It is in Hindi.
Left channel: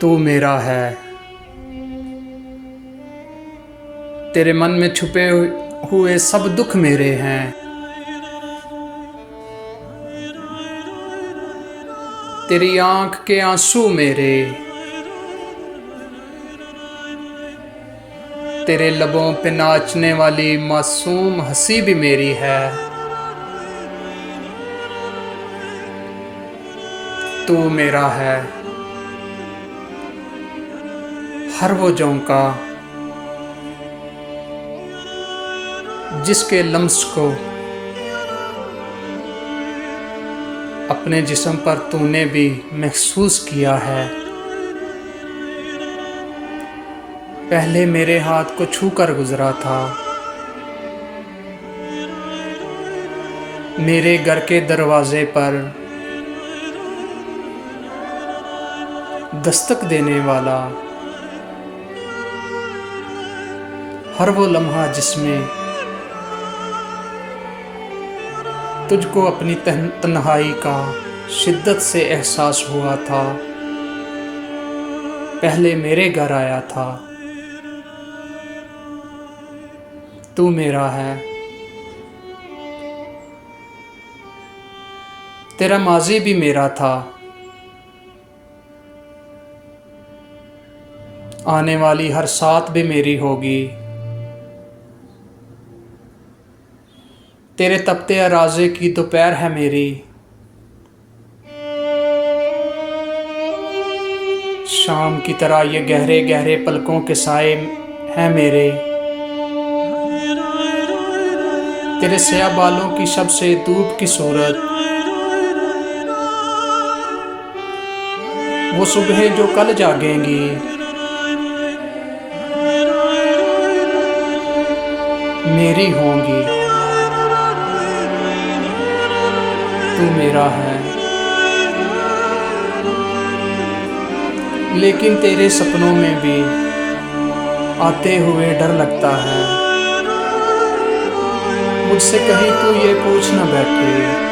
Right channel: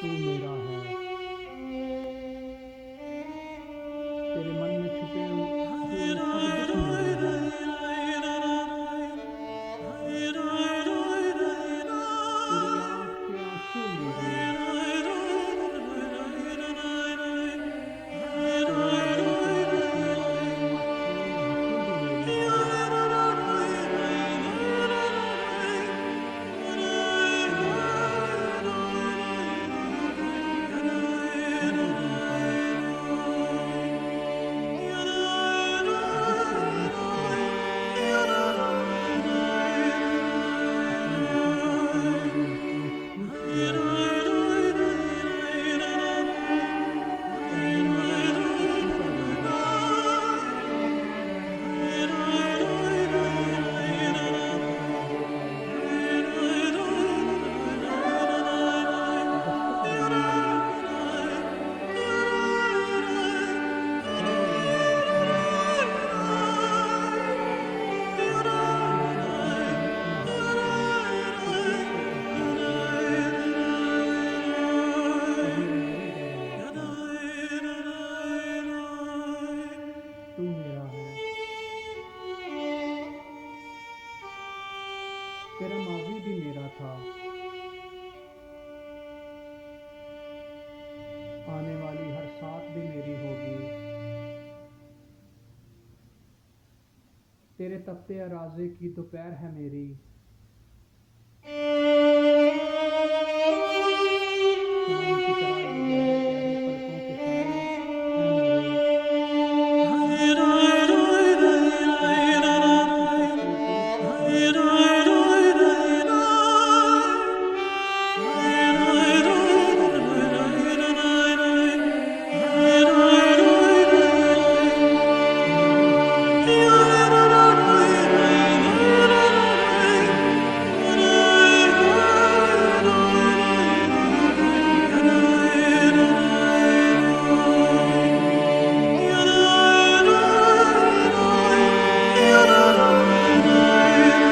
तू मेरा है। तेरे मन में छुपे हुए सब दुख मेरे हैं। तेरी आंख के आंसू मेरे, तेरे लबों पे नाचने वाली मासूम हंसी भी मेरी है। तू मेरा है। हर वो झोंका जिसके लम्स को अपने जिस्म पर तूने भी महसूस किया है। पहले मेरे हाथ को छूकर गुजरा था, मेरे घर के दरवाजे पर दस्तक देने वाला। हर वो लम्हा जिसमें तुझको अपनी तन्हाई का शिद्दत से एहसास हुआ था, पहले मेरे घर आया था। तू मेरा है। तेरा माजी भी मेरा था, आने वाली हर साथ भी मेरी होगी। तेरे तपते अराज़े की दोपहर है मेरी, शाम की तरह ये गहरे गहरे पलकों के साए हैं मेरे। तेरे स्याह बालों की सबसे धूप की सूरत, वो सुबह जो कल जागेंगी, मेरी होंगी। तू मेरा है। लेकिन तेरे सपनों में भी आते हुए डर लगता है, मुझसे कहीं तो ये पूछ न बैठे